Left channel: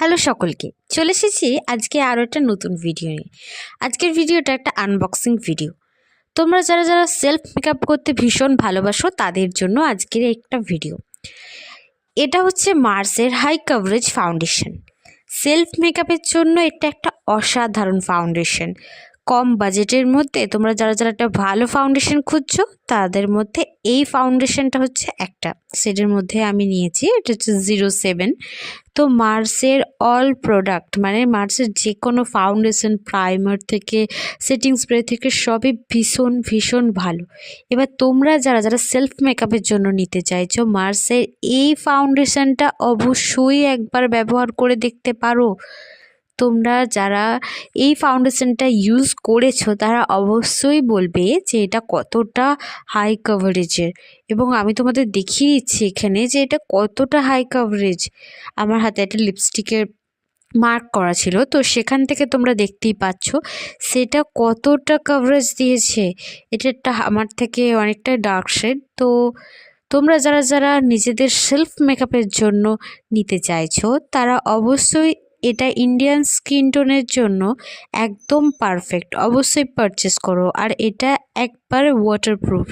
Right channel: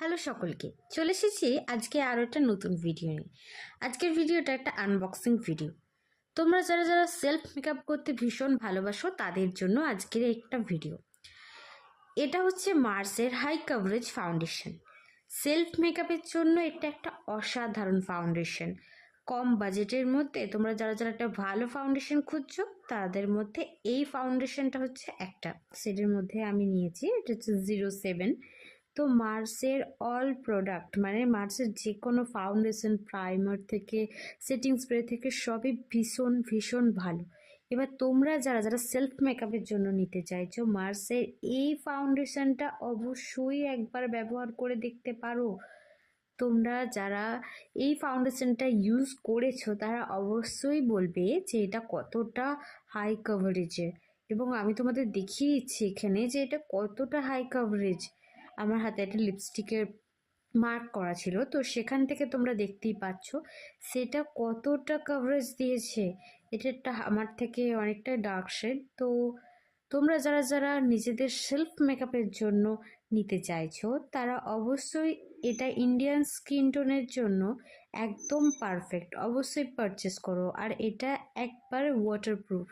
Hello সকলকে, চলে এসেছি আজকে আরও একটা নতুন ভিডিও নিয়ে। আজকের ভিডিওটা একটা আনবক্সিং ভিডিও। তোমরা যারা যারা সেলফ মেকআপ করতে ভীষণ ভালোবাসো তাদের জন্য আজকের একটা ভিডিও। এটা হচ্ছে মার্সের হাই কভারেজ ফাউন্ডেশন। সেলফ মেকআপের জন্য এটা একটা অসাধারণ ফাউন্ডেশন। কম বাজেটের মধ্যে তোমরা যারা যারা একটা ভালো ফাউন্ডেশন খুঁজছো তাদের মধ্যে এই ফাউন্ডেশনটা হচ্ছে একটা। সেটার মধ্যে আমি নিয়েছি, এটা হচ্ছে 07। তো মার্সের অল প্রোডাক্ট মানে মার্সের যে কোনো ফাউন্ডেশন, প্রাইমার থেকে সেটিং স্প্রে থেকে সবই ভীষণ ভীষণ ভালো। এবার তোমরা যারা যারা সেলফ মেকআপের জন্য নিতে চাইছো মার্সের এই ফাউন্ডেশনটা অবশ্যই একবার ব্যবহার করে দেখতে পারো। তোমরা যারা এই ফাউন্ডেশনটা ইউজ করেছো তারা অবশ্যই বলবে যে এটা কতটা হাই কভারেজের, এবং আমি তোমাদের দেখিয়ে দিচ্ছি এখানে যে এটা কতটা হাই কভারেজ। আমার হাতে একটা লিপস্টিকের মার্ক করা ছিল, তো সেখান থেকে তোমরা দেখতেই পাচ্ছ সেটা কতটা কভারেজ দিয়েছে। এটা একটা আমার থেকে অনেকটা ডার্ক শেড। তো তোমরা যারা যারা নিজেদের সেলফ মেকআপের জন্য নিতে চাইছো তারা অবশ্যই এটা ইন্ডিয়ান স্কিন টোনের জন্য একদম পারফেক্ট। অবশ্যই পারচেস করো, আর এটা একবারে ওয়াটারপ্রুফ।